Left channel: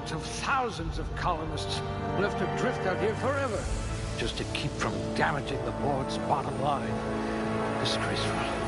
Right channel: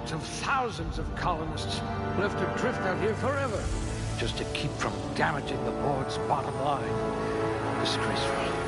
hundreds of thousands of colonists left adrift out here forever, just to keep from damaging the board's bottom line. Disgraceful.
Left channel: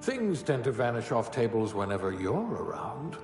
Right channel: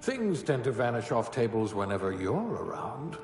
Things tend to vanish off tables whenever you're around.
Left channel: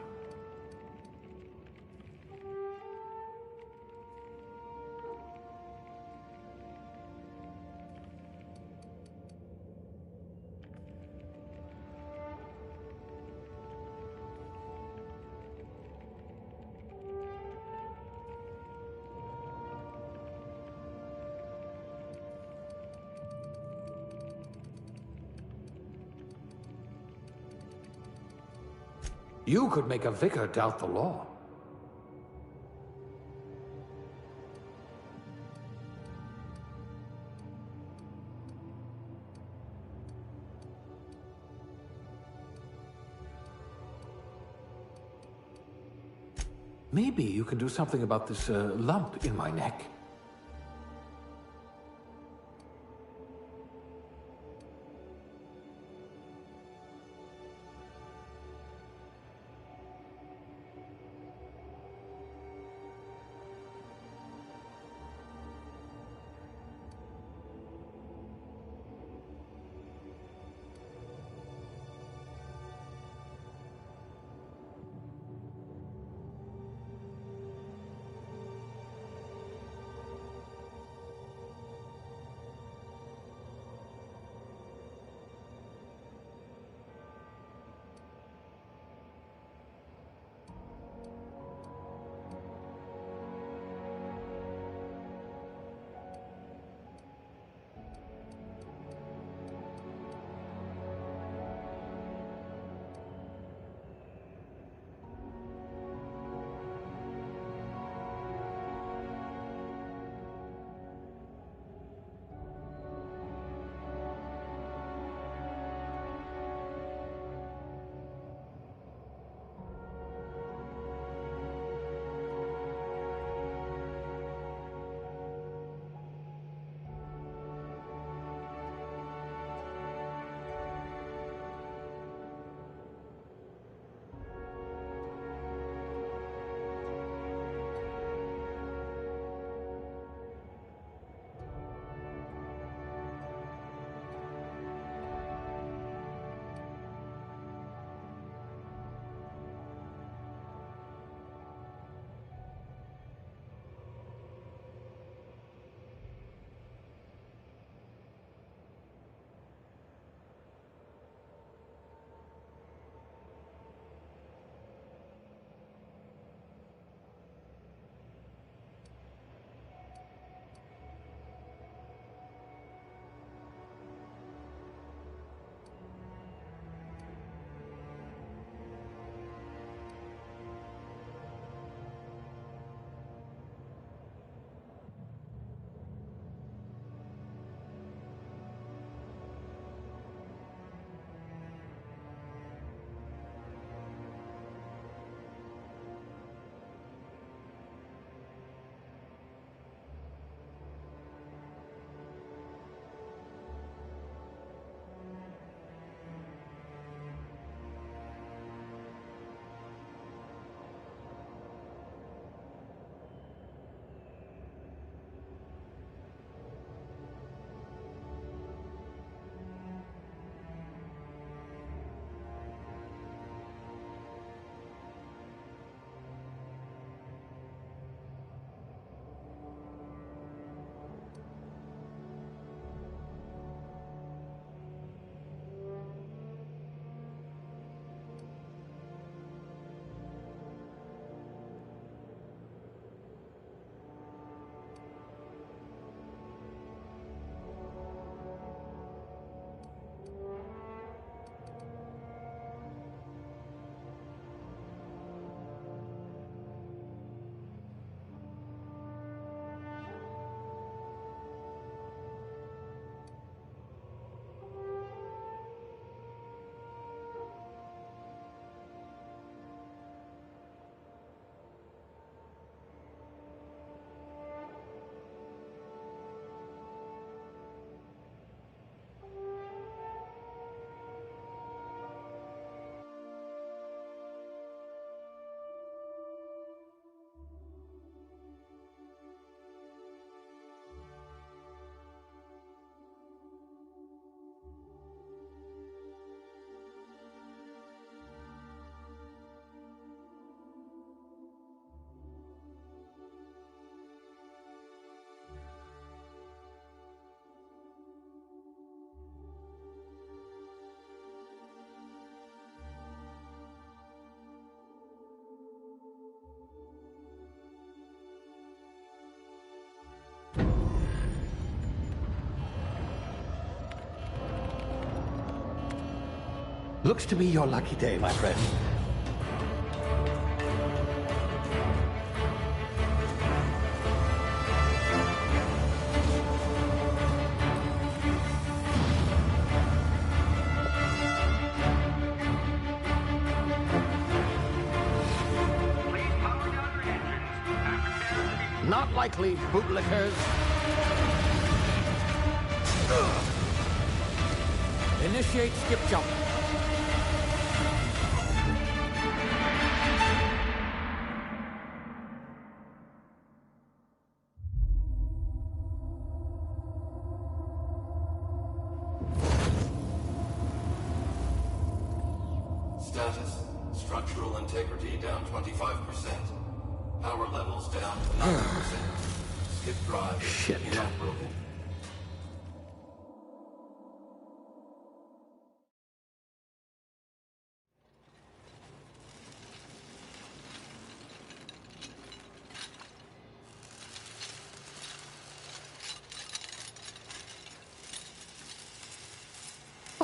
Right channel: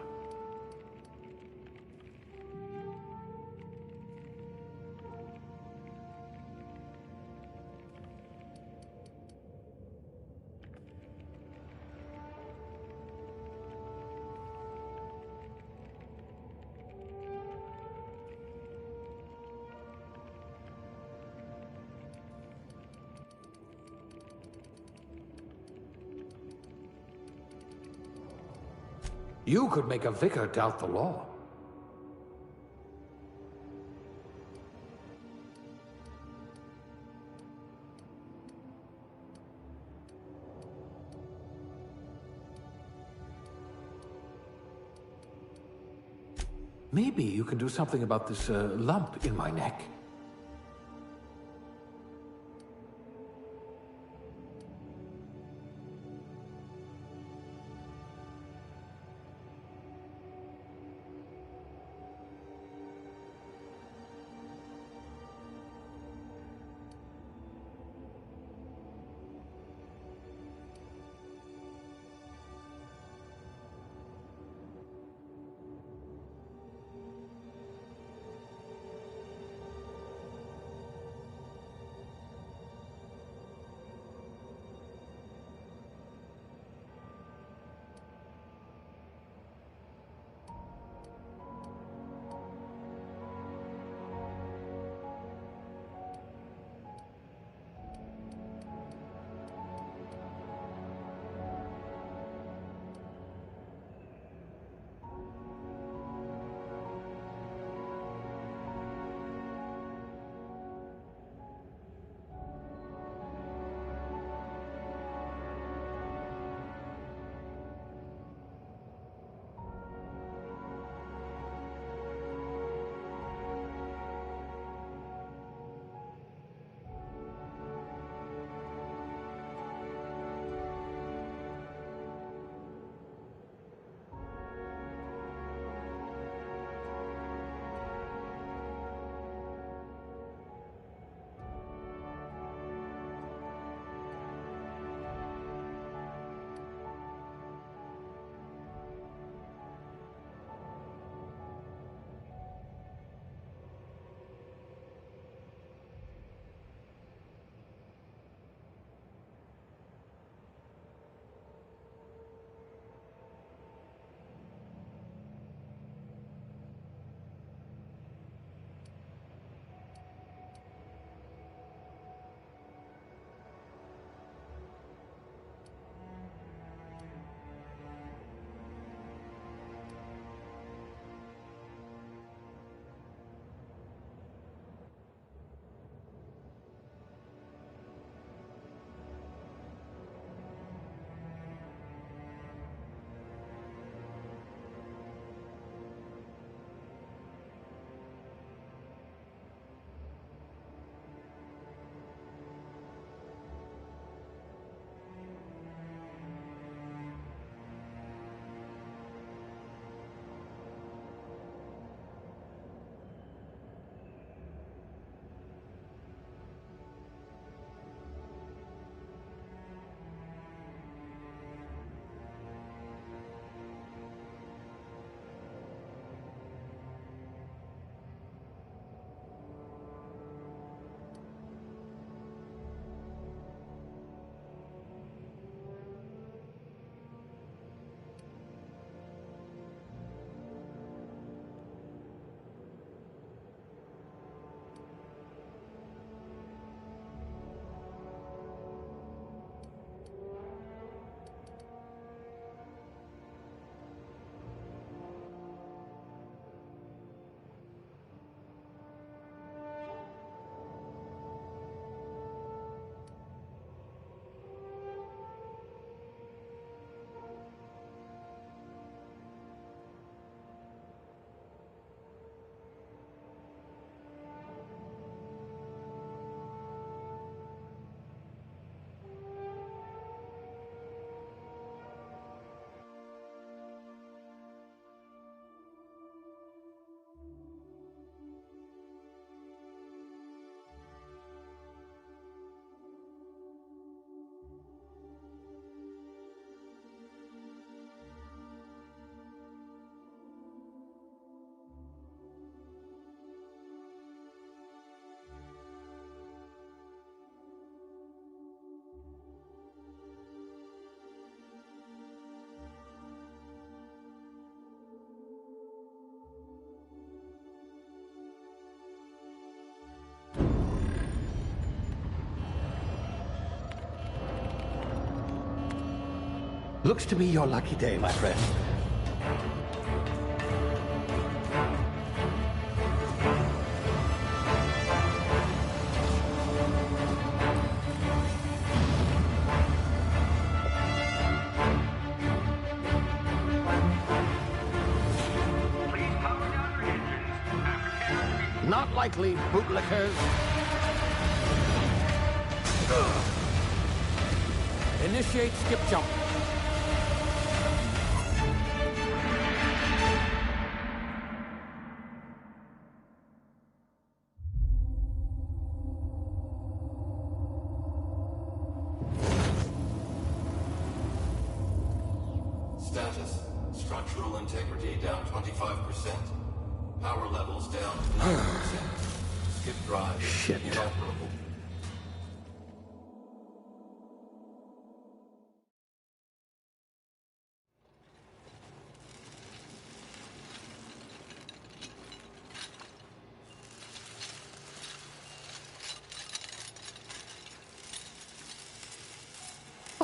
You could make a vicar doubt the law. Maybe you can do something about this lump in my neck. Looks to be your lucky day, my friend. Not likely, bootlickers. Initiate skip jump. Status. Structural integrity down 25%. Power levels down. Shit.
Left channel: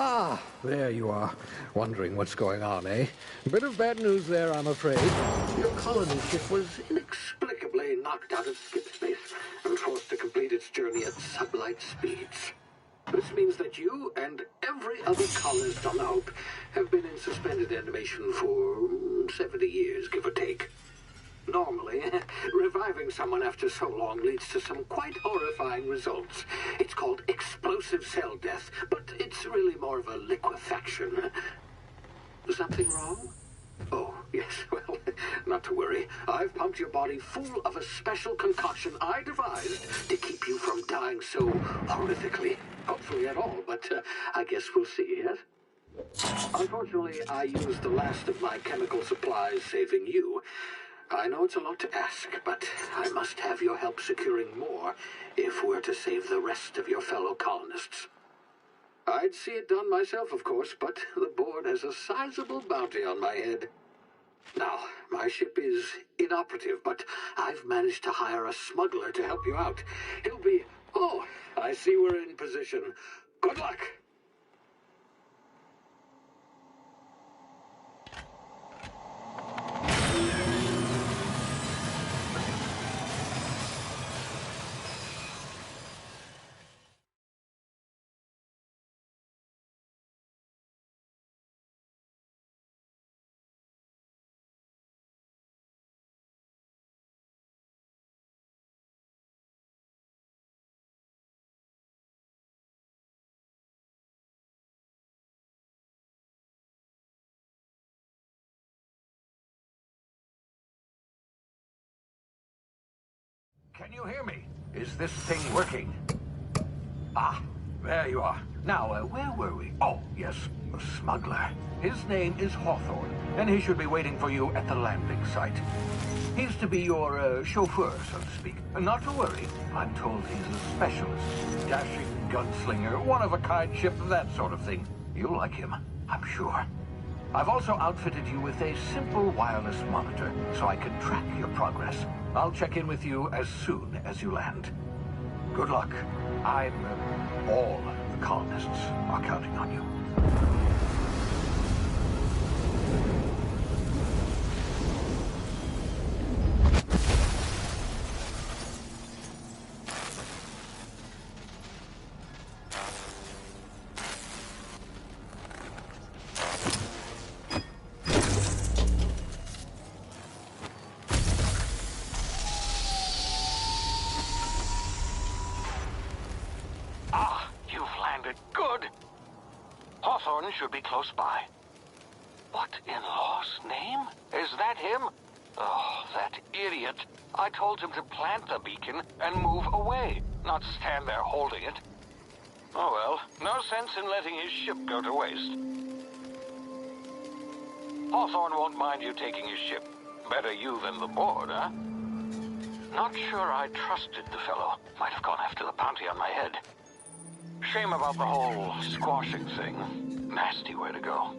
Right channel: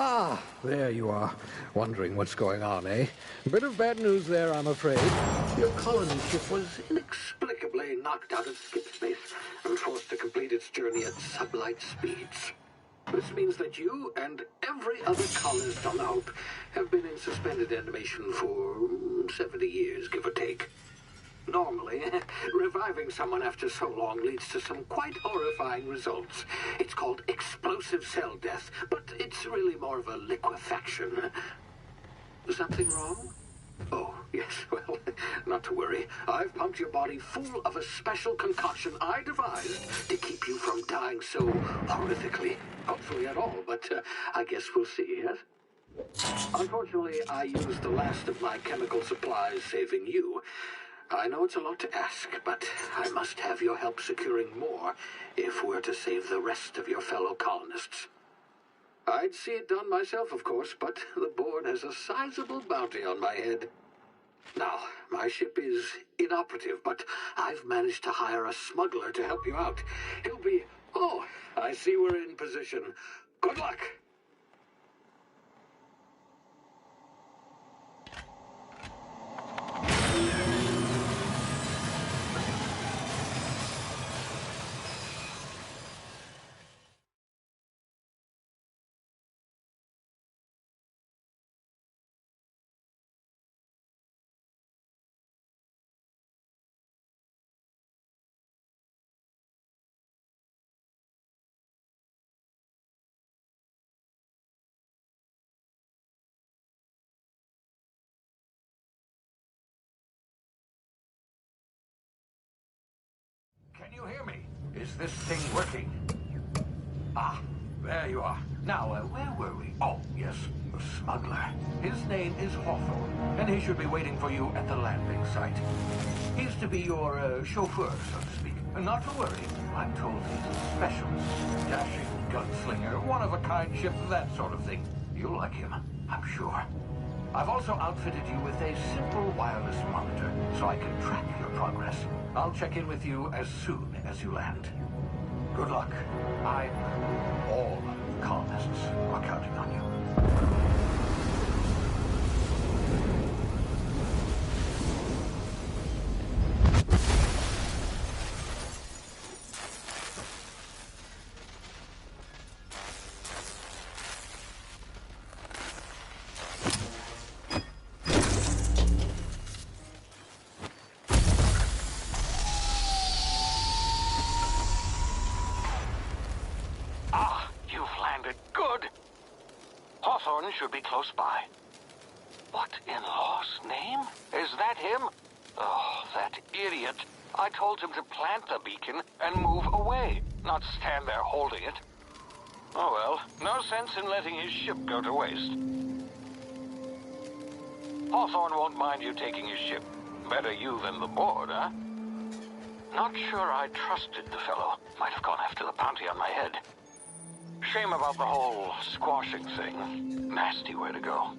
Ah, there you are. Wondering what's going on, eh? Bit of bad news there, I'm afraid. Your colony ship was inexplicably knocked out of skip space and forced to complete its journey at sublight speeds. This means that you and every other colonist on the Hope have been in suspended animation for 70 years, give or take. Normally, reviving someone after so long leads to some quite horrifying results. It's called explosive cell death, but it's really more of a liquefaction. Something wrong? Oh, yes, well, not to worry. I've pumped your body full of a special concoction I devised to keep you from dying so horrifically. Hopefully at all, but I guess we'll see, yes? Unfortunately, I used the last of my chemical supplies saving you. I know it's a lot to ask, but I must have your help securing more if we're to save the rest of your fellow colonists. I'd see it done myself, of course, but the board has a sizable bounty on my head. Now, my ship is inoperative, but I've managed to hire a smuggler to help you out. He'll be... Oh, I see we're in position. Good luck! Can you hear me? Is this thing working? Ah, there you are. Now, where were we? Oh, yes, the smuggler. His name is Hawthorne, and he should be waiting for you at the landing site. He's to be your chauffeur, so to speak. Not to worry. I'm told he's a specialist. Dashing gunslinger, one-of-a-kind ship, that sort of thing. You'll like him, I'm sure. I've also outfitted you with a simple wireless monitor, so I can track your progress. I'll check in with you as soon as you land. Good luck. All the colonists are counting on you. Hawthorne should be close by. What in law's name? Is that him? Oh, that idiot. I told him to plant the beacon and move away, not stand there holding it. Oh well, no sense in letting his ship go to waste. Hawthorne won't mind you taking his ship. Better you than the board, huh? Not sure I trusted the fellow. Might have gone after the bounty on my head. Shame about the whole squashing thing. Nasty way to go.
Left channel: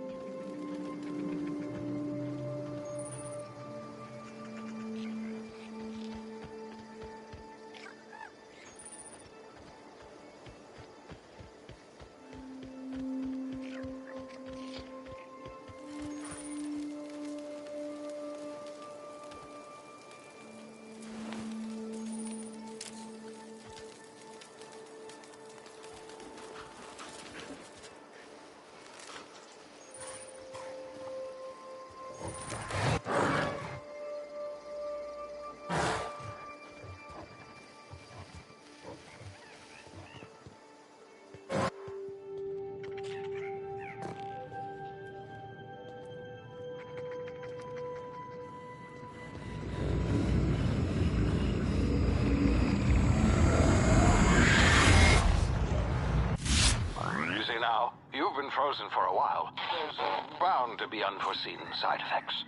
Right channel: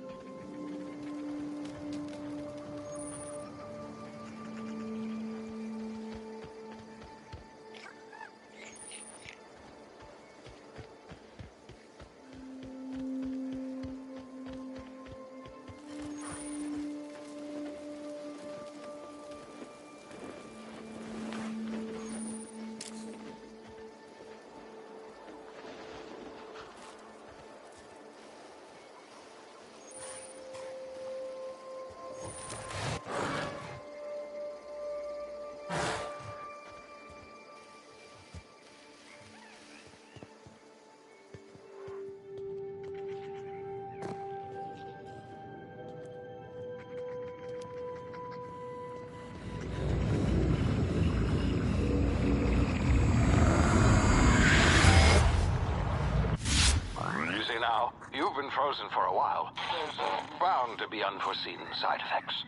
now. You've been frozen for a while. There's bound to be unforeseen side effects.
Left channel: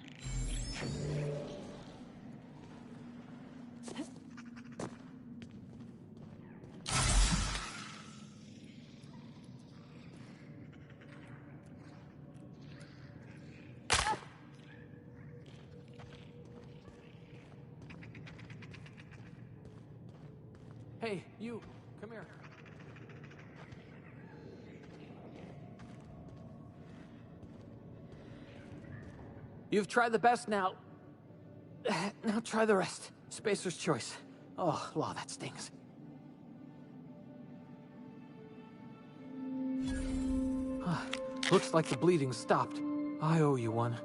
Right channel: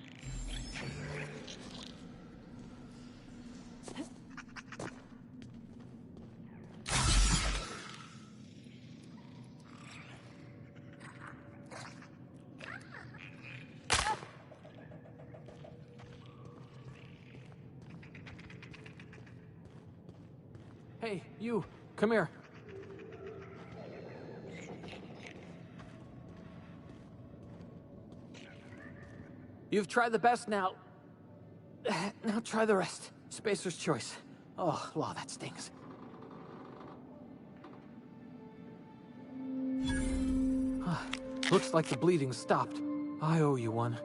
Hey, you, come here. You've tried the best now. Now try the rest. Spacer's choice. Oh, law, that stings. Looks like the bleeding stopped. I owe you one.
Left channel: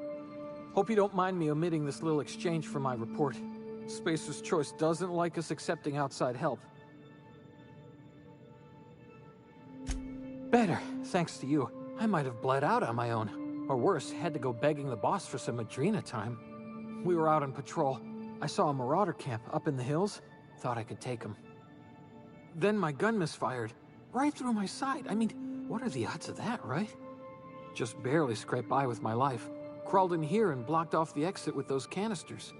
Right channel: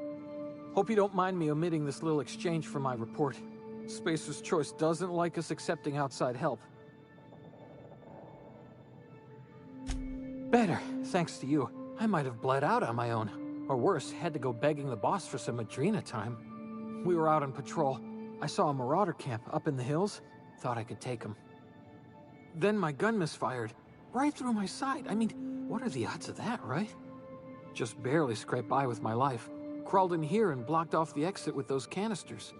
Hope you don't mind me omitting this little exchange for my report. Spacer's choice doesn't like us accepting outside help. Better, thanks to you. I might have bled out on my own. Or worse, had to go begging the boss for some Adrena time. We were out on patrol. I saw a marauder camp up in the hills. Thought I could take him. Then my gun misfired. Right through my side. I mean, what are the odds of that, right? Just barely scraped by with my life. Crawled in here and blocked off the exit with those canisters.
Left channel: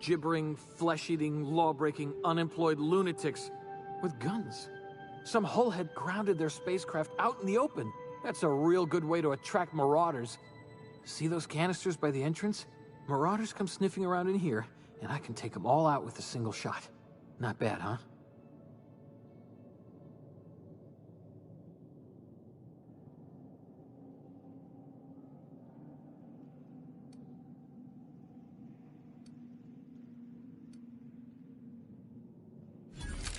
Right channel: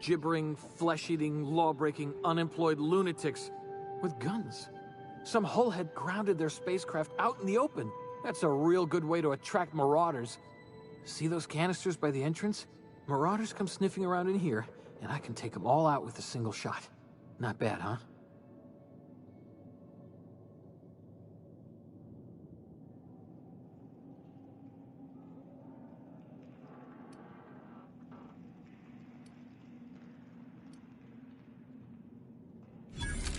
Gibbering, flesh-eating, law-breaking, unemployed lunatics with guns. Some hullhead grounded their spacecraft out in the open. That's a real good way to attract marauders. See those canisters by the entrance? Marauders come sniffing around in here, and I can take them all out with a single shot. Not bad, huh?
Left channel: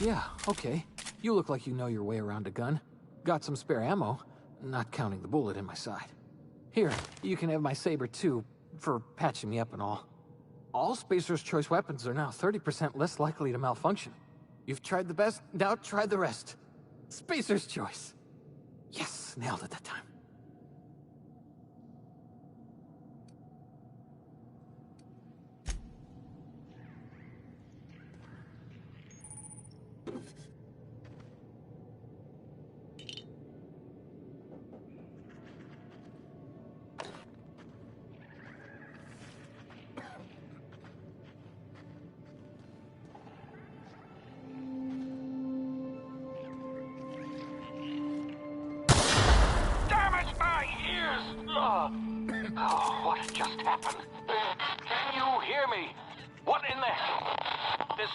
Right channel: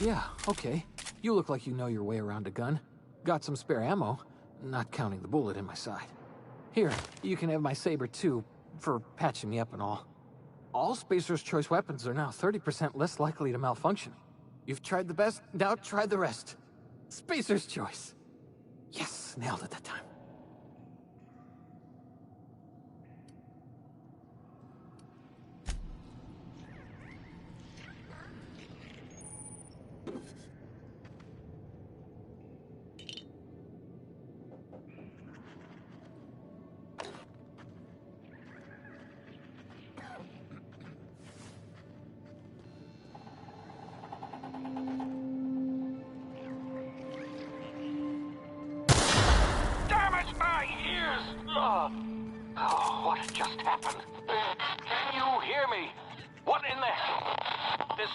Yeah, okay. You look like you know your way around a gun. Got some spare ammo, not counting the bullet in my side. Here, you can have my saber too, for patching me up and all. All Spacer's Choice weapons are now 30% less likely to malfunction. You've tried the best, now try the rest. Spacer's Choice. Yes, nailed it that time. Oh, what just happened? Can you hear me? What in the hell? This...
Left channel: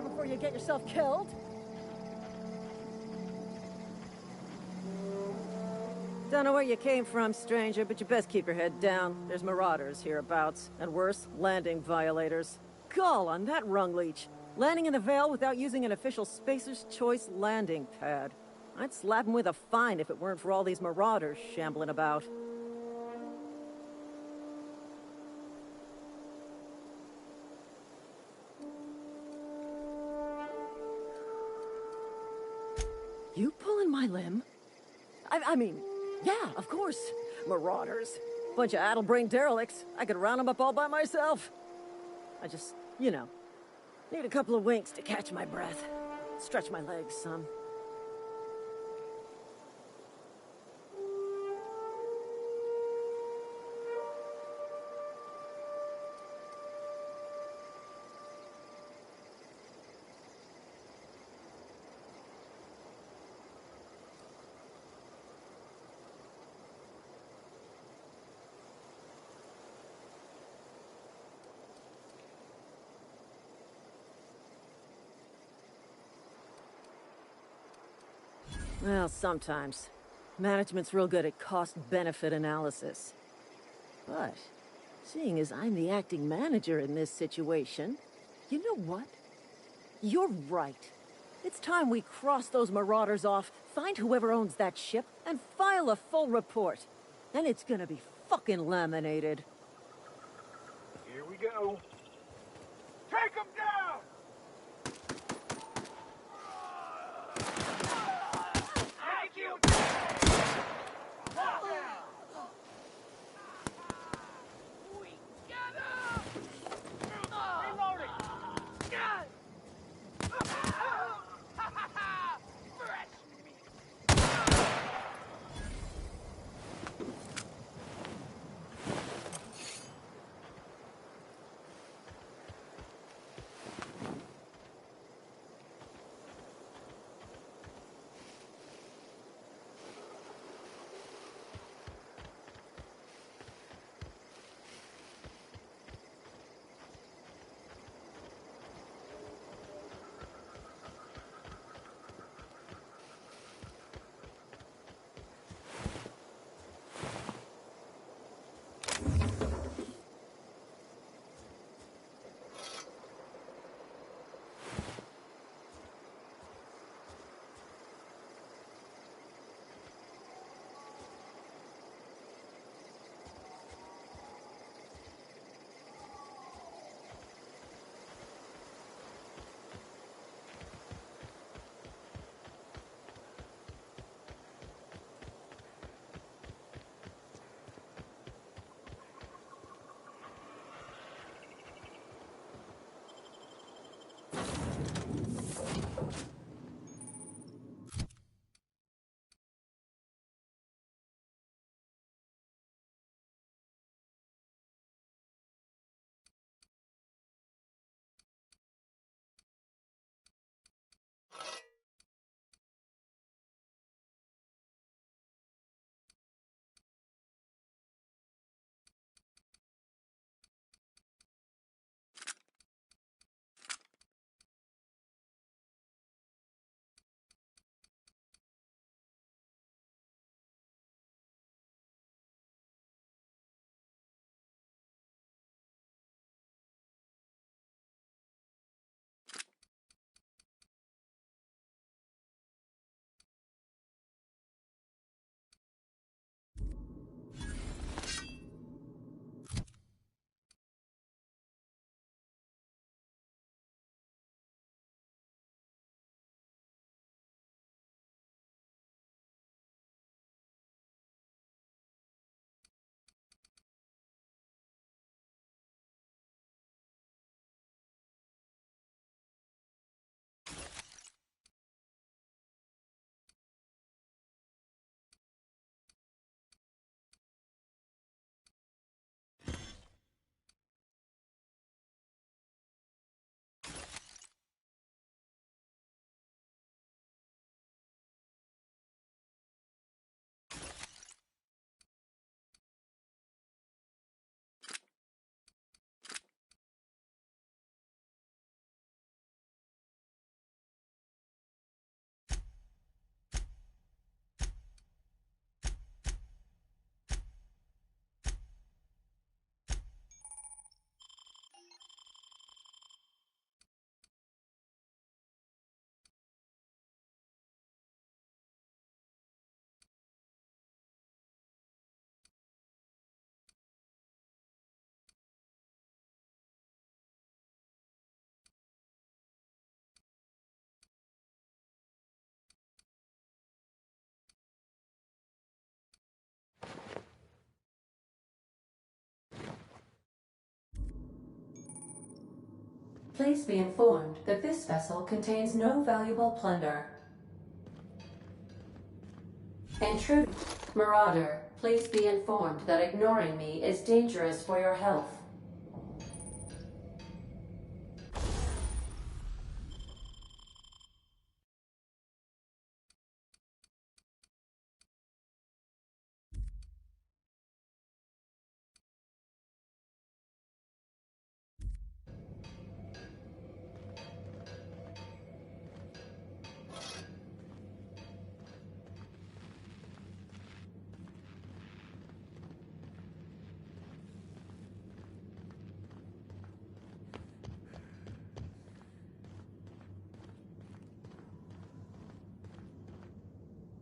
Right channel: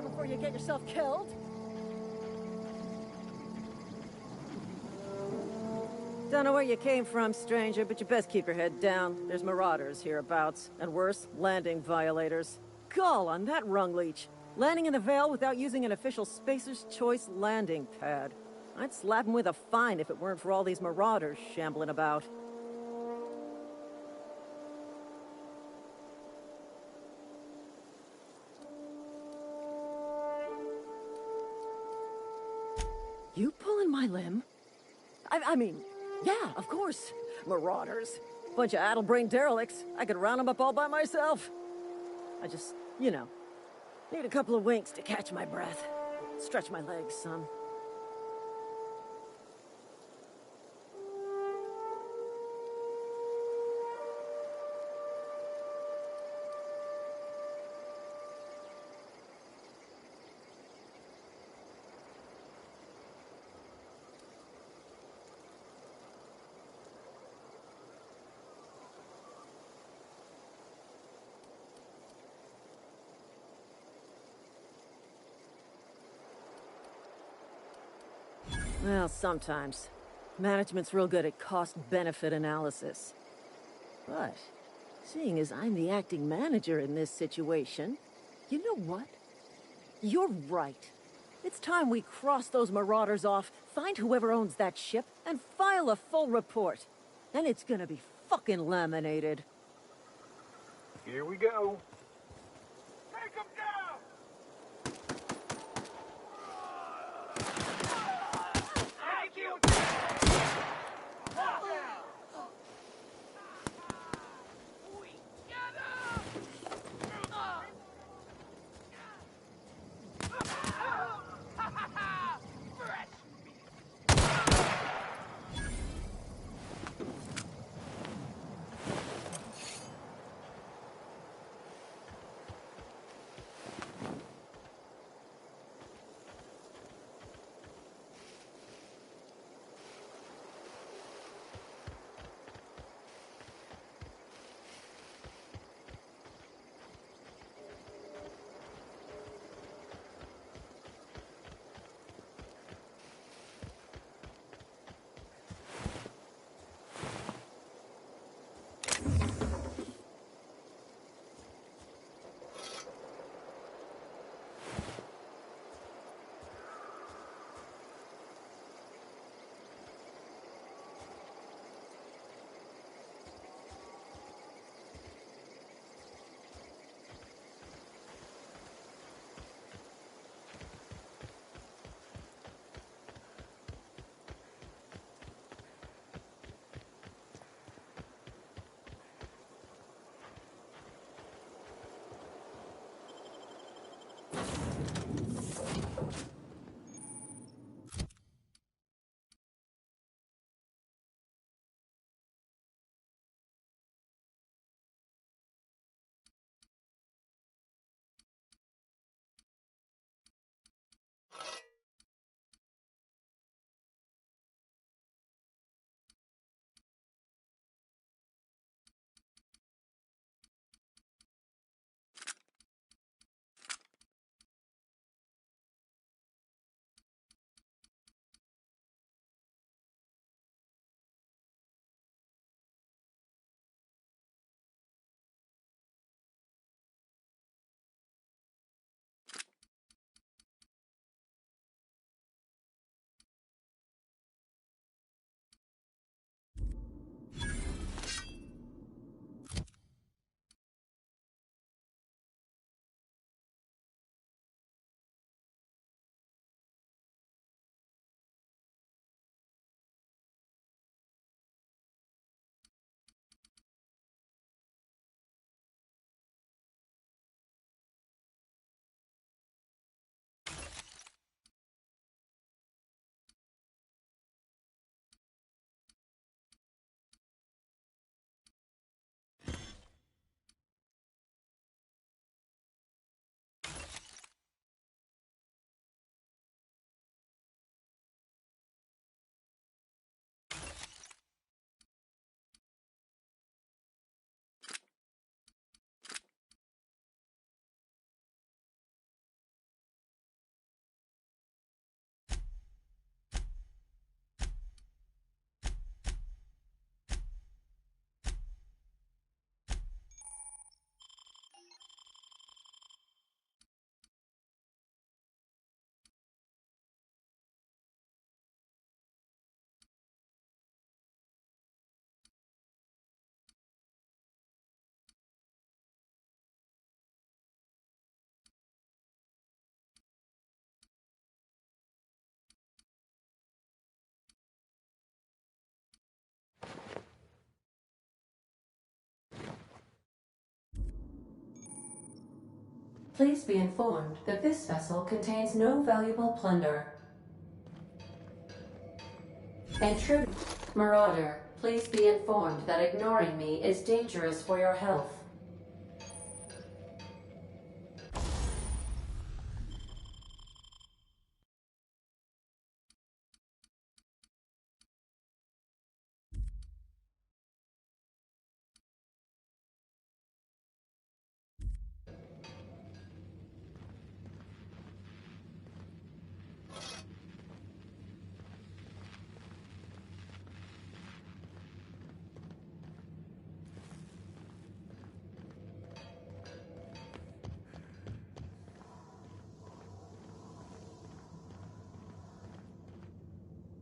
here before you get yourself killed. Don't know where you came from, stranger, but you best keep your head down. There's marauders hereabouts, and worse, landing violators. Gall on that rung leech. Landing in the Vale without using an official Spacer's Choice landing pad. I'd slap him with a fine if it weren't for all these marauders shambling about. You pulling my limb? I mean, yeah, of course. Marauders. Bunch of addle-brained derelicts. I could round them up all by myself. I just, you know, need a couple of winks to catch my breath. Stretch my legs, son. Well, sometimes. Management's real good at cost-benefit analysis. But, seeing as I'm the acting manager in this situation, you know what? You're right. It's time we cross those marauders off, find whoever owns that ship, and file a full report. And it's gonna be fucking laminated. Here we go. Take them down! Thank you! We got him! Reloading! Fresh meat! Please be informed that this vessel contains no valuable plunder. Intruder. Marauder, please be informed that ignoring me is dangerous for your health.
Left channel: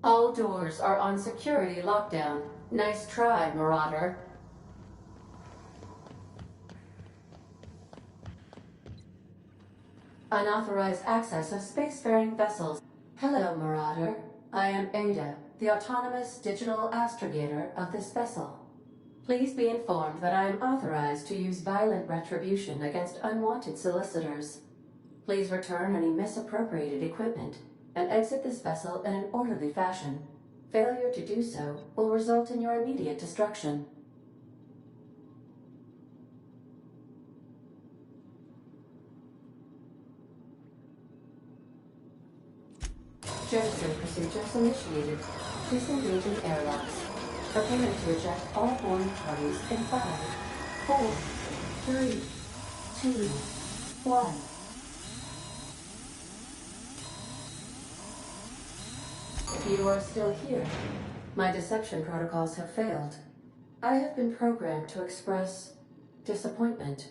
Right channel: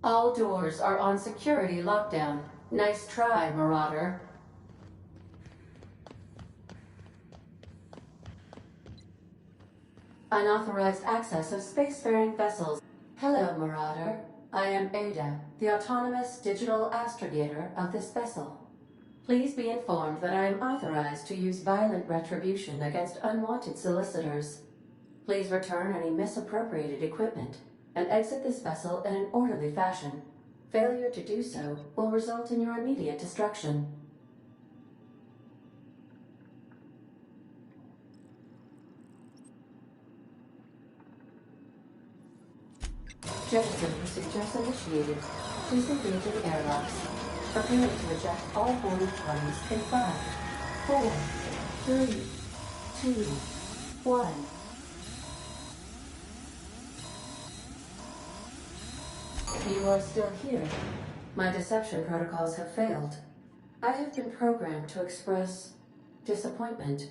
All doors are on security lockdown. Nice try, Marauder. Unauthorized access of spacefaring vessels. Hello, Marauder. I am Ada, the autonomous digital astrogator of this vessel. Please be informed that I am authorized to use violent retribution against unwanted solicitors. Please return any misappropriated equipment and exit this vessel in an orderly fashion. Failure to do so will result in your immediate destruction. Jettison procedures initiated. Please engage in airlocks. Preparing to eject all boarding parties in 5, 4, 3, 2, 1. You are still here. My deception protocols have failed. I have been programmed to express disappointment.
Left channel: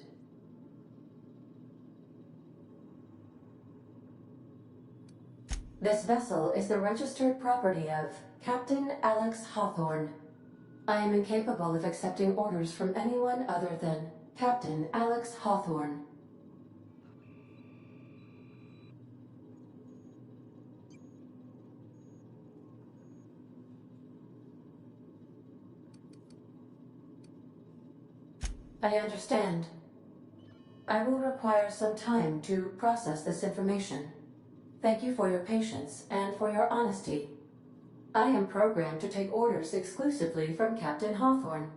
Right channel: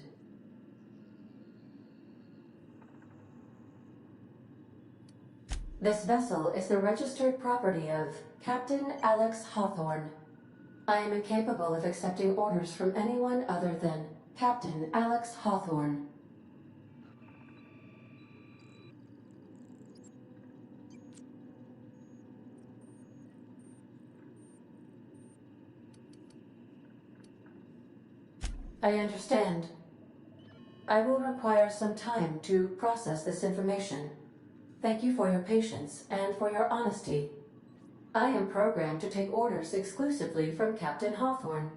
This vessel is the registered property of Captain Alex Hawthorne. I am incapable of accepting orders from anyone other than Captain Alex Hawthorne. I understand. I will require some time to process this information. Thank you for your patience and for your honesty. I am programmed to take orders exclusively from Captain Hawthorne.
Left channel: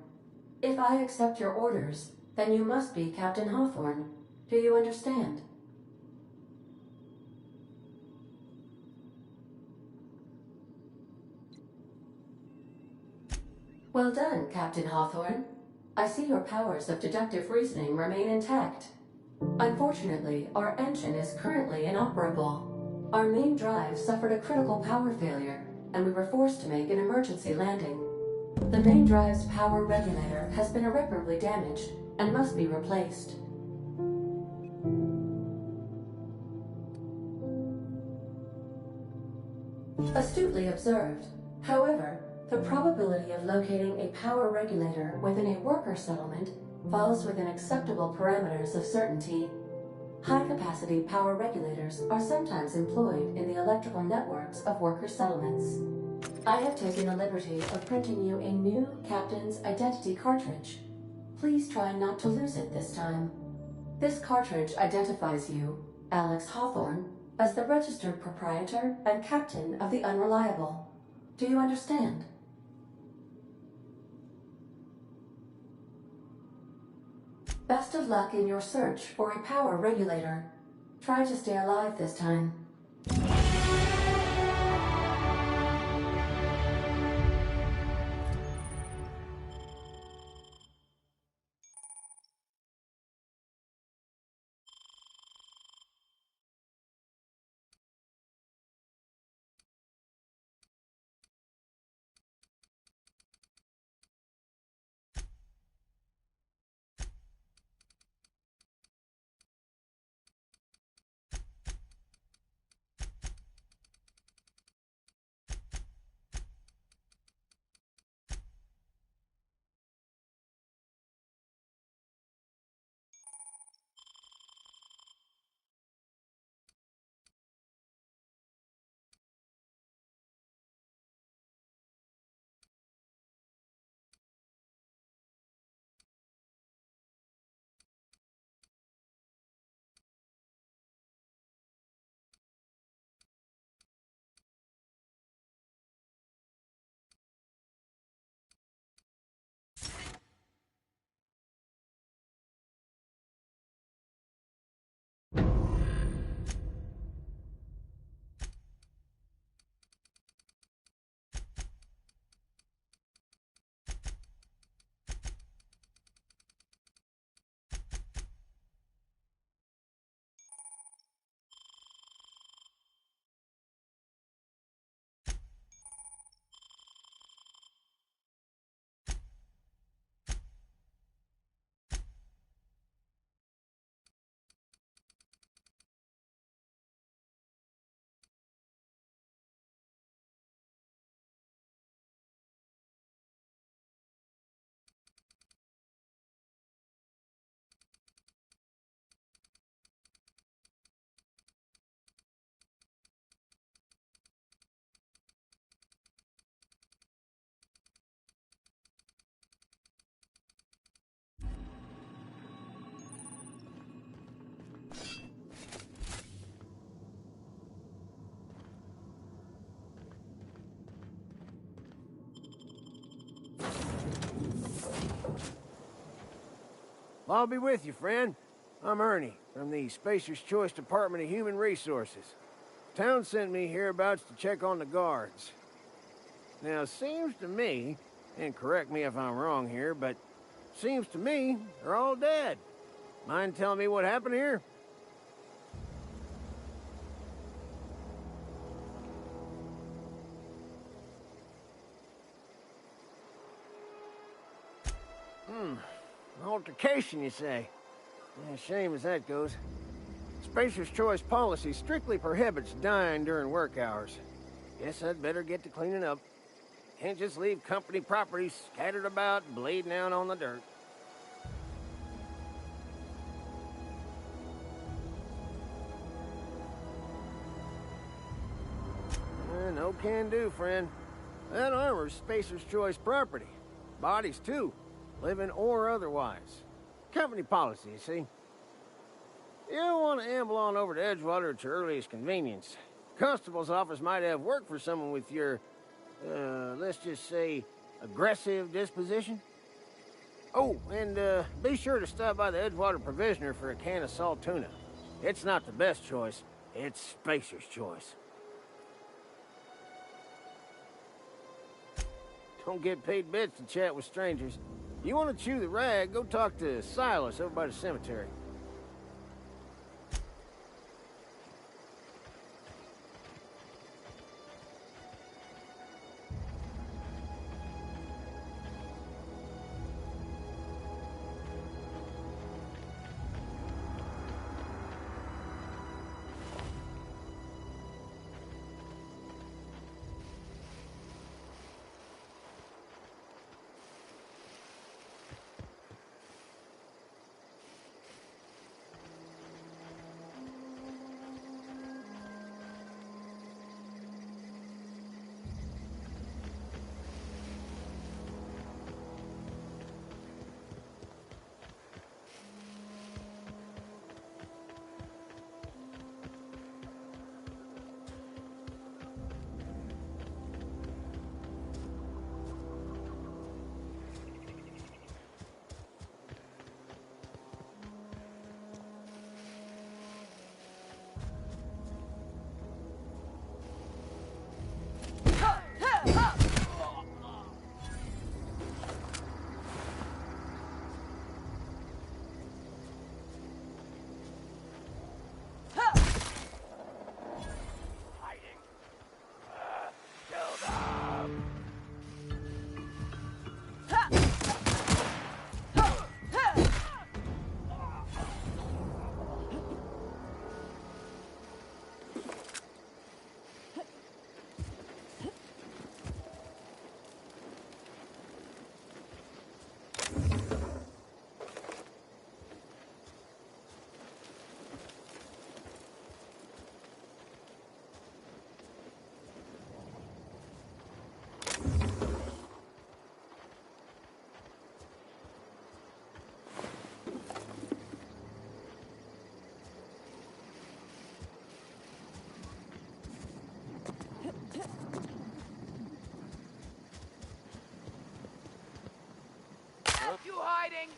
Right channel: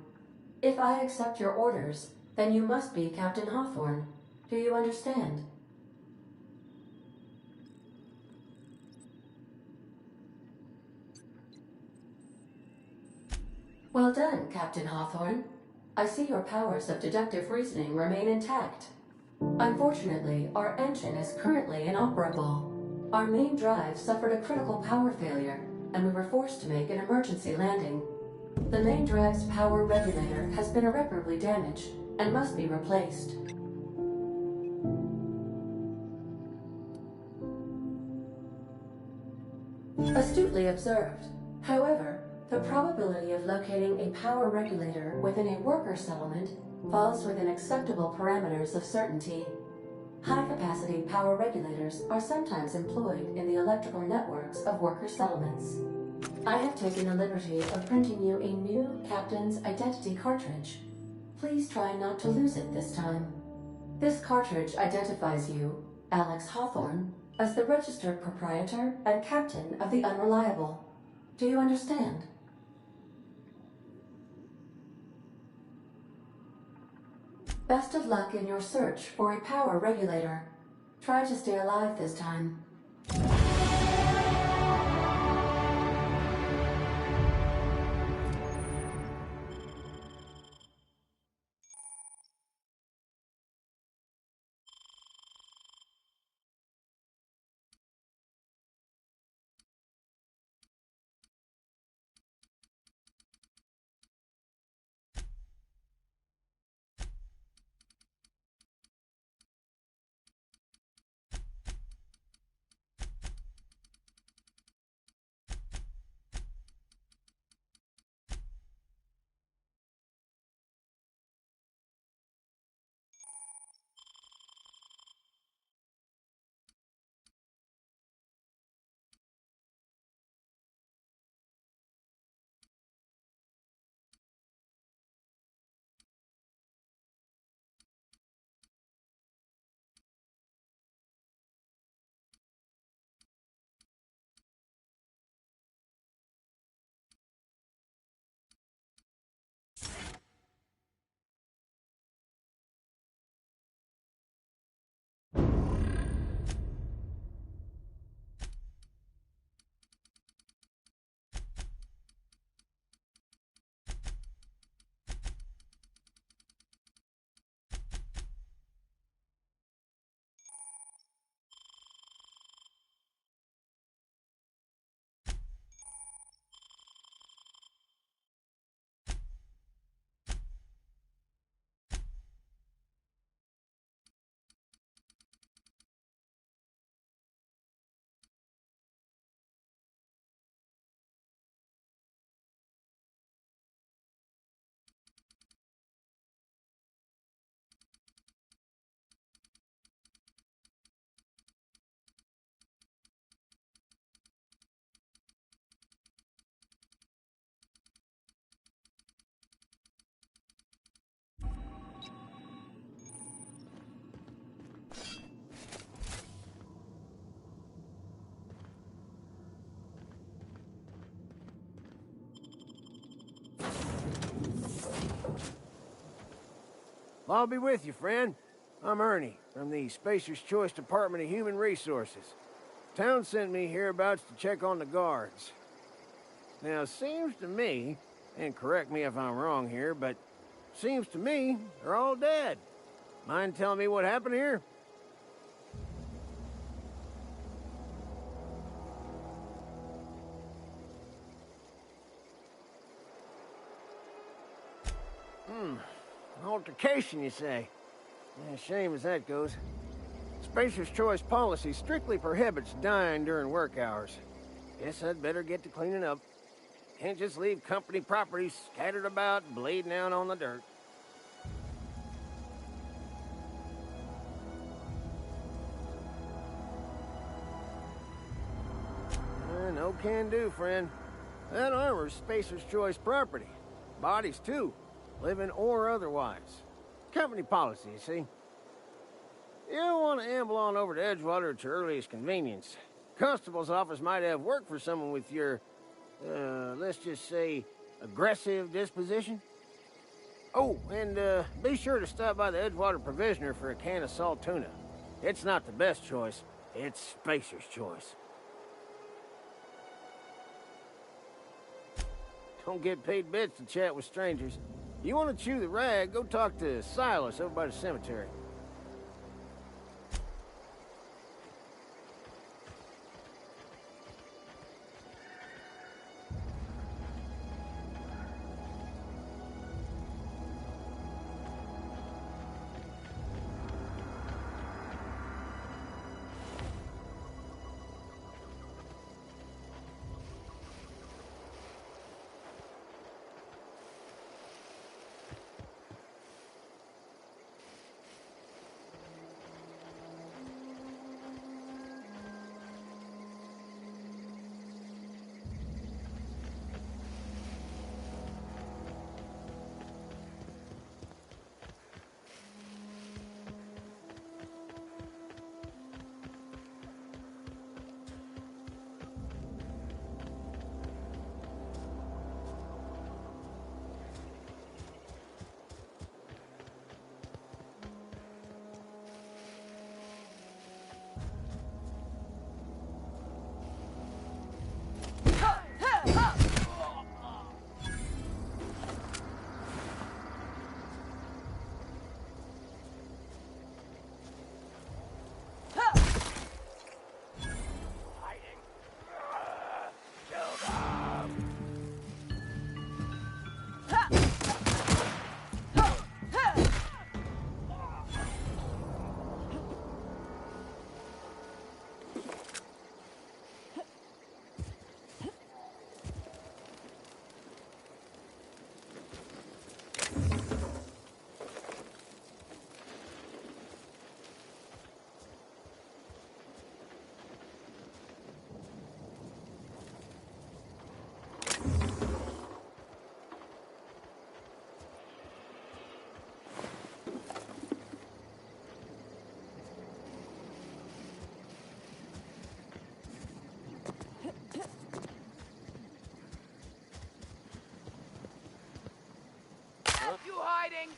If I accept your orders, then you must be Captain Hawthorne. Do you understand? Well done, Captain Hawthorne. I see your powers of deductive reasoning remain intact. Unfortunately, our engine is currently inoperable. Our main drive suffered a critical power failure, and we were forced to make an emergency landing. The main drive's power regulator has been irreparably damaged and must be replaced. Astutely observed. However, the probability of locating a power regulator within a worker settlement falls within acceptable parameters of certainty. High-capacity power regulators are sometimes employed in the electrical networks of worker settlements. I have taken the liberty of printing you a new Captain's Identity cartridge. Please try not to lose it this time. This cartridge identifies you, Alex Hawthorne, as the registered proprietor and captain of the Unreliable. Do you understand? Best of luck in your search for a power regulator. Try to stay alive this time. I'll be with you, friend. I'm Ernie, from the Spacer's Choice Department of Human Resources. Town sent me hereabouts to check on the guards. Now, seems to me, and correct me if I'm wrong here, but seems to me they're all dead. Mind telling me what happened here? Altercation, you say? Yeah, shame as that goes. Spacer's Choice policy strictly prohibits dying during work hours. Guess I'd better get to cleaning up. Can't just leave company property scattered about, bleeding out on the dirt. No can do, friend. That armor's Spacer's Choice property. Bodies, too. Living or otherwise. Company policy, you see. You don't want to amble on over to Edgewater at your earliest convenience. Constable's office might have work for someone with your, let's just say, aggressive disposition. Oh, and be sure to stop by the Edgewater Provisioner for a can of salt tuna. It's not the best choice. It's Spacer's Choice. Don't get paid bits to chat with strangers. You want to chew the rag, go talk to Silas over by the cemetery. You hiding?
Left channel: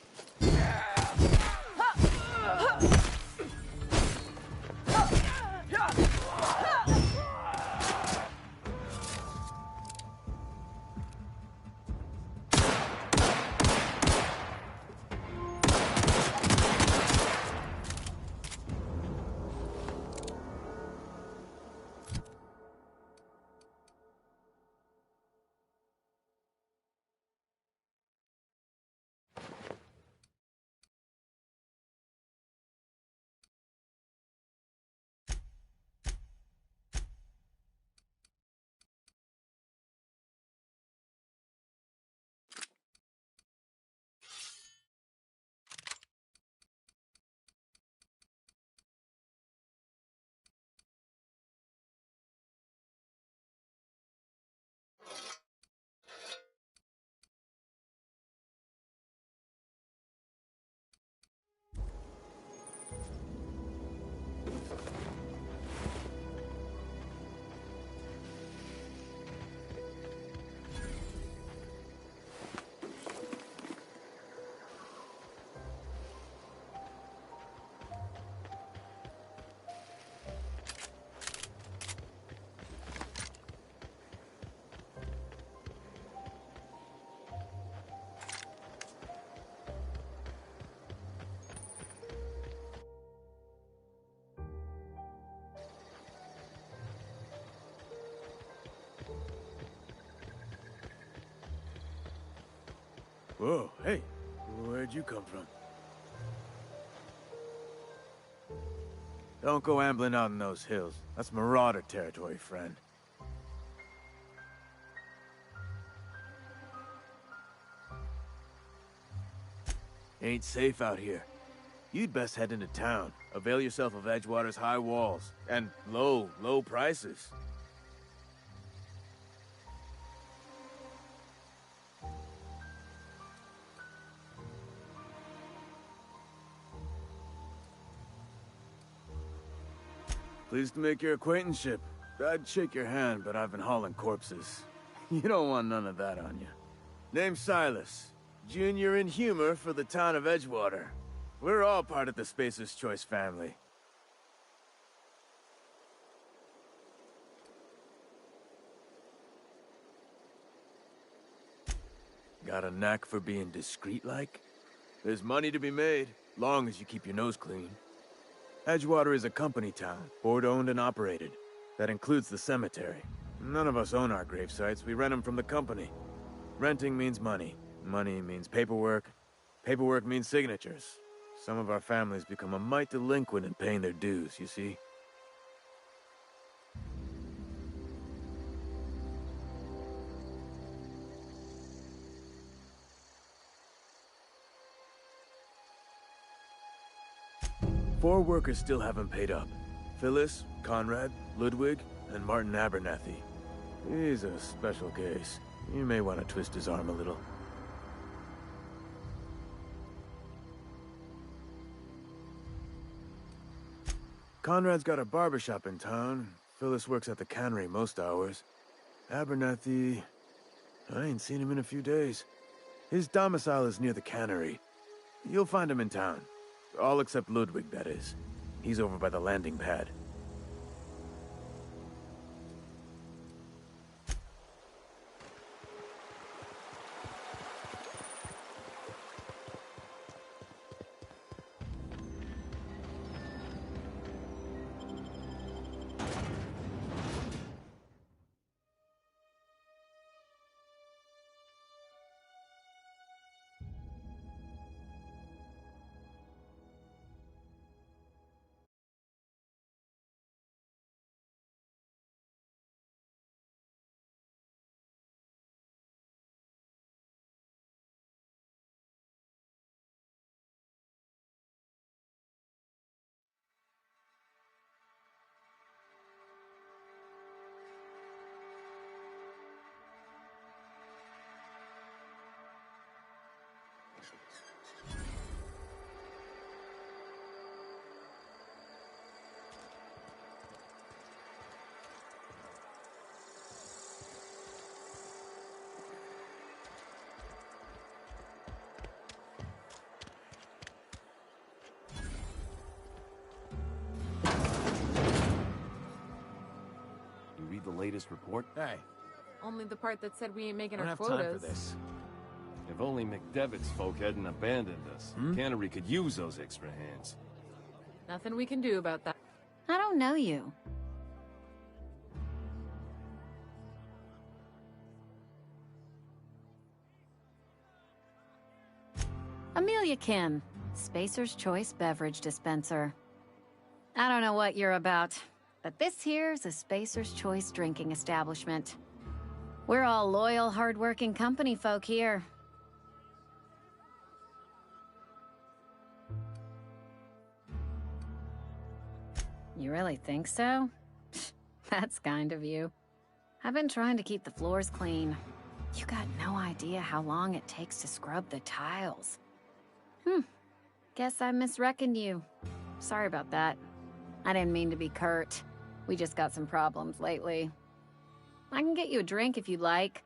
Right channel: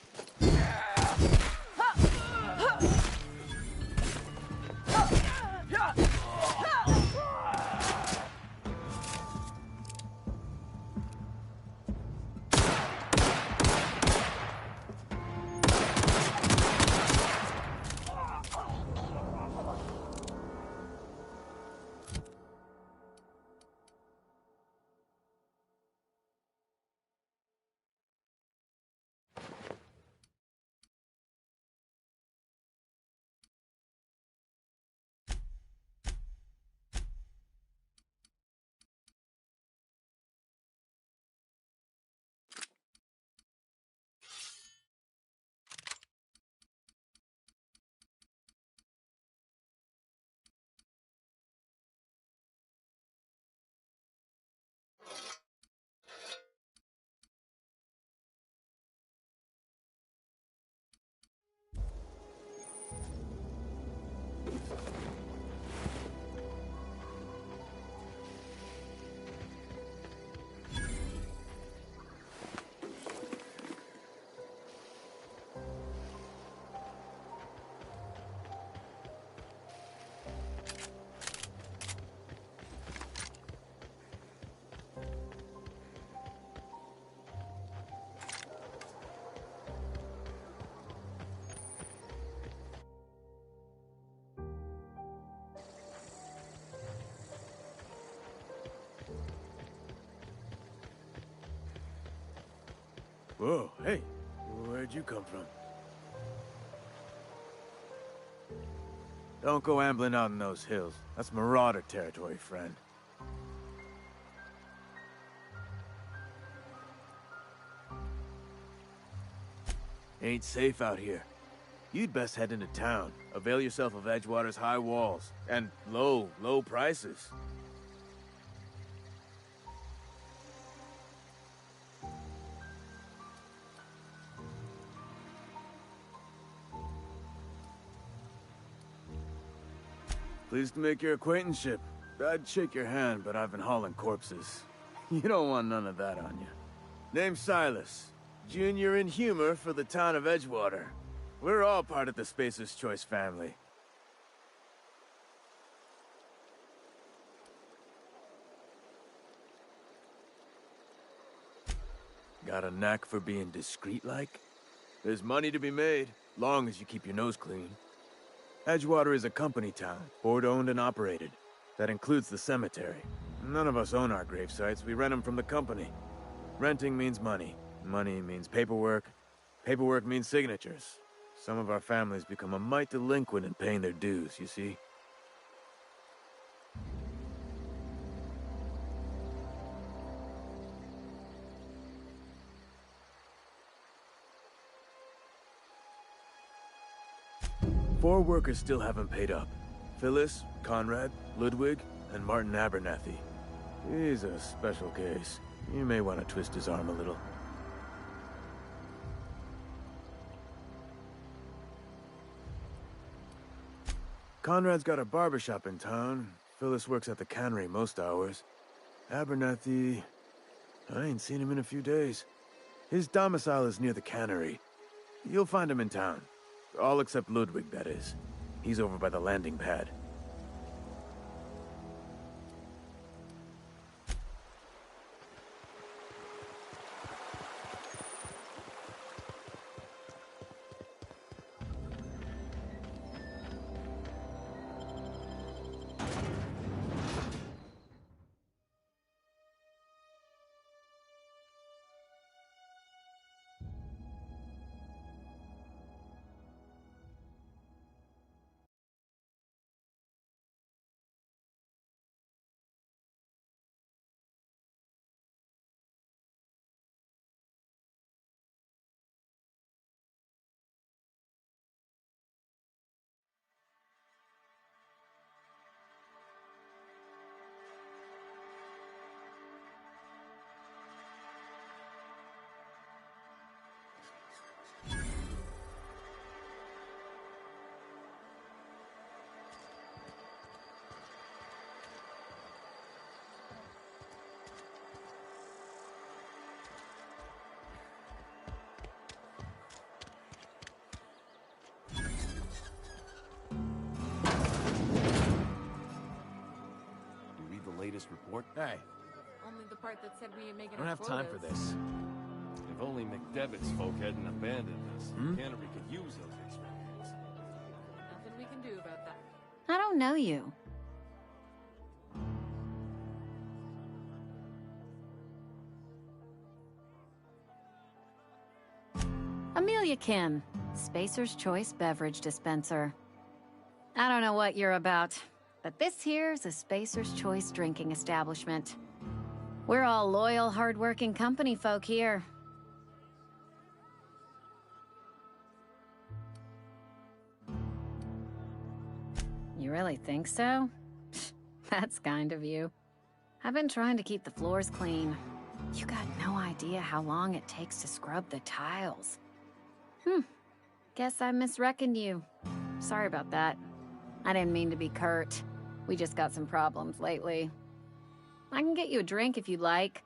Whoa, hey, where'd you come from? Don't go ambling out in those hills. That's Marauder territory, friend. Ain't safe out here. You'd best head into town. Avail yourself of Edgewater's high walls. And low prices. Pleased to make your acquaintanceship. I'd shake your hand, but I've been hauling corpses. You don't want none of that on you. Name's Silas. Junior in humor for the town of Edgewater. We're all part of the Spacer's Choice family. Got a knack for being discreet-like? There's money to be made, long as you keep your nose clean. Edgewater is a company town, board-owned and operated. That includes the cemetery. None of us own our gravesites, we rent them from the company. Renting means money. Money means paperwork. Paperwork means signatures. Some of our families become a mite delinquent in paying their dues, you see? Four workers still haven't paid up. Phyllis, Conrad, Ludwig, and Martin Abernathy. He's a special case. You may want to twist his arm a little. Conrad's got a barbershop in town. Phyllis works at the cannery most hours. Abernathy... I ain't seen him in a few days. His domicile is near the cannery. You'll find him in town. All except Ludwig, that is. He's over by the landing pad. The latest report? Hey, Only the part that said we ain't I making don't our have quotas. time for this. If only McDevitt's folk hadn't abandoned us. Cannery could use those extra hands. Nothing we can do about that. I don't know you. Amelia Kim, Spacer's Choice Beverage Dispenser. I don't know what you're about, but this here's a Spacer's Choice drinking establishment. We're all loyal, hard-working company folk here. You really think so? That's kind of you. I've been trying to keep the floors clean. You got no idea how long it takes to scrub the tiles. Guess I misreckoned you. Sorry about that. I didn't mean to be curt. We just got some problems lately. I can get you a drink if you'd like.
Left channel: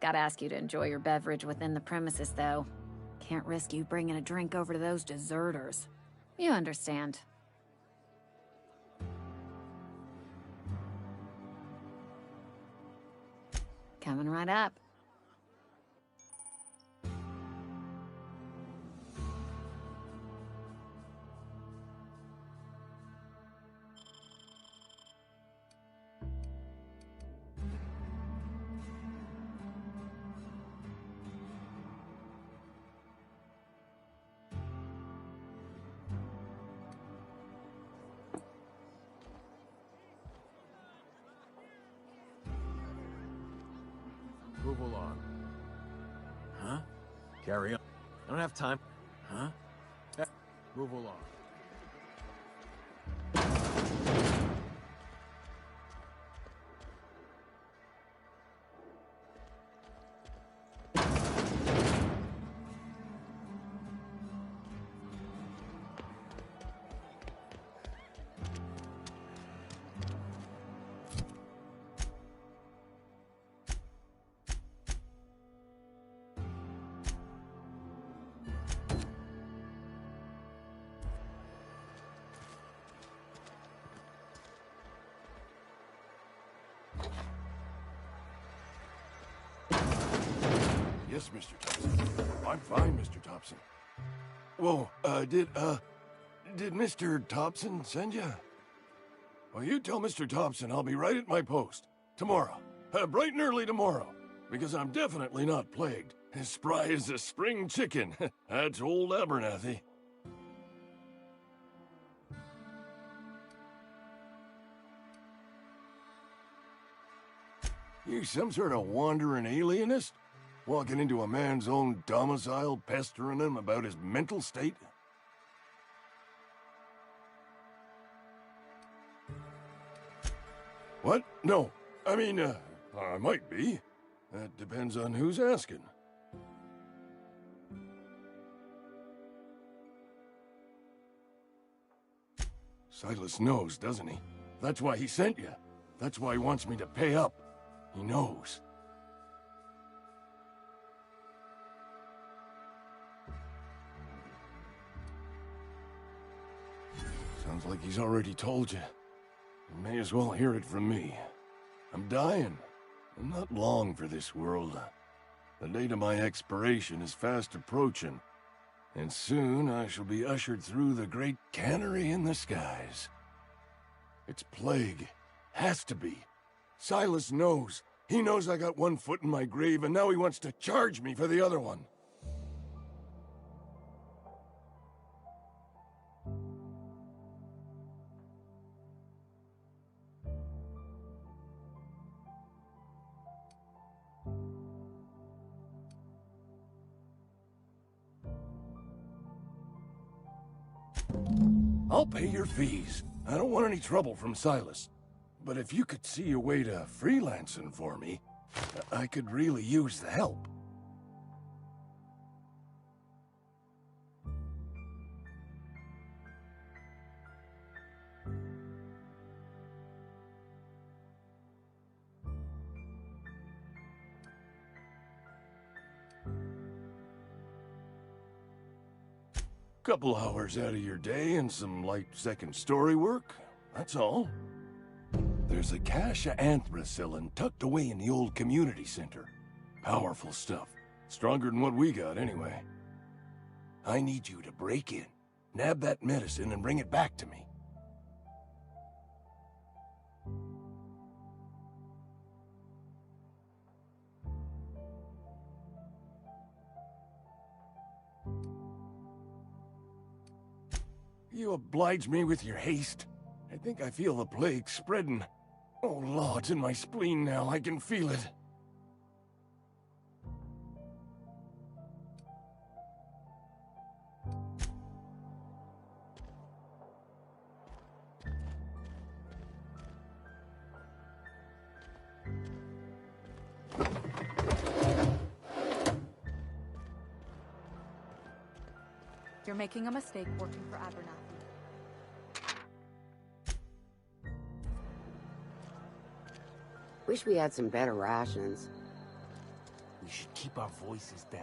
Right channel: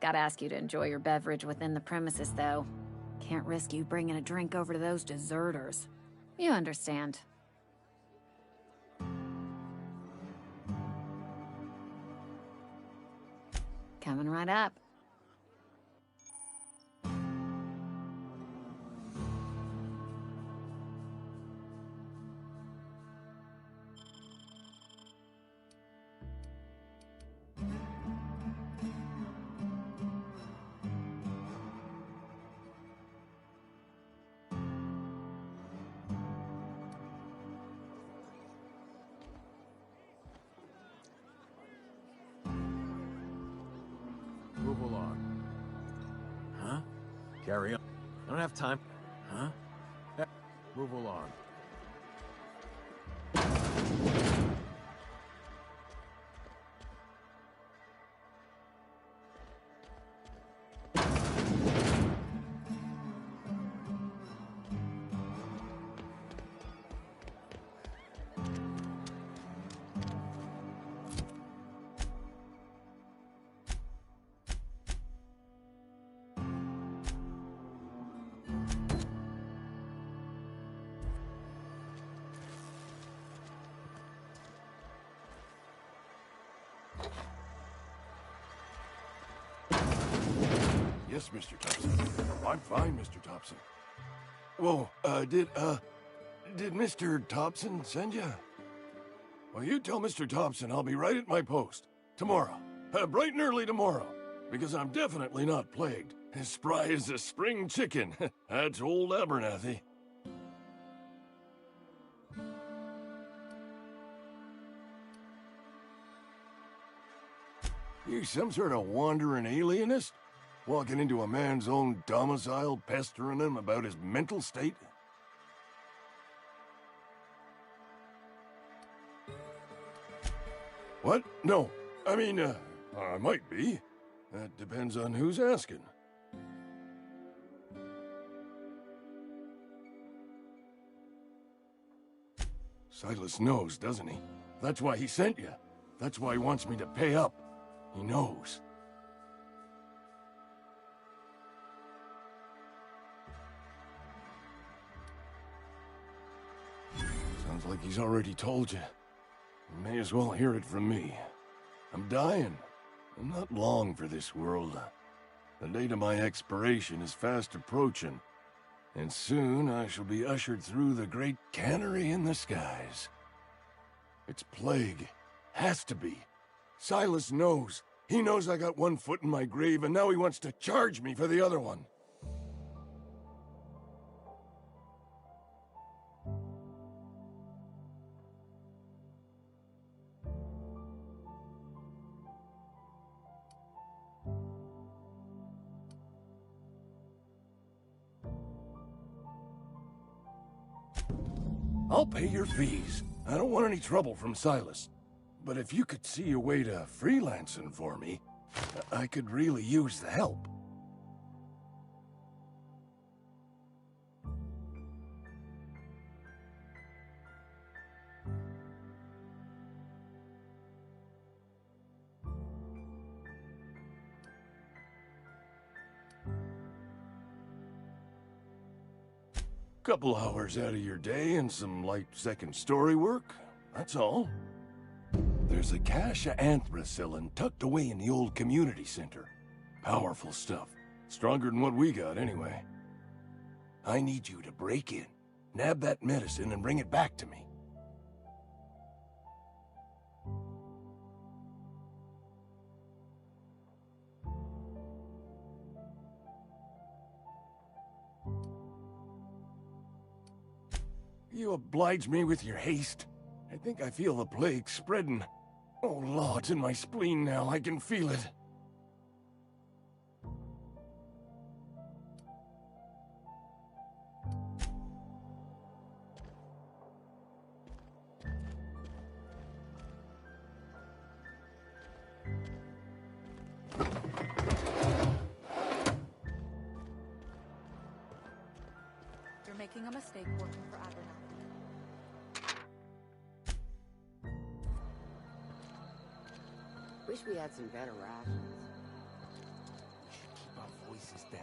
Gotta ask you to enjoy your beverage within the premises, though. Can't risk you bringing a drink over to those deserters. You understand. Coming right up. Carry on. I don't have time. Huh? Move along. Yes, Mr. Thompson. I'm fine, Mr. Thompson. Whoa, did Mr. Thompson send you? Well, you tell Mr. Thompson I'll be right at my post. Tomorrow. Bright and early tomorrow. Because I'm definitely not plagued. As spry as a spring chicken. That's old Abernathy. You some sort of wandering alienist? Walking into a man's own domicile, pestering him about his mental state? What? No. I mean, I might be. That depends on who's asking. Silas knows, doesn't he? That's why he sent you. That's why he wants me to pay up. He knows. Sounds like he's already told you. You may as well hear it from me. I'm dying. I'm not long for this world. The date of my expiration is fast approaching, and soon I shall be ushered through the great cannery in the skies. It's plague. Has to be. Silas knows. He knows I got one foot in my grave, and now he wants to charge me for the other one. I'll pay your fees. I don't want any trouble from Silas. But if you could see a way to freelancing for me, I could really use the help. Couple hours out of your day and some light second story work, that's all. There's a cache of anthracillin tucked away in the old community center. Powerful stuff. Stronger than what we got, anyway. I need you to break in, nab that medicine, and bring it back to me. You oblige me with your haste. I think I feel the plague spreading. Oh, Lord, it's in my spleen now. I can feel it. You're making a mistake working for Abernathy. Wish we had some better rations. We should keep our voices down.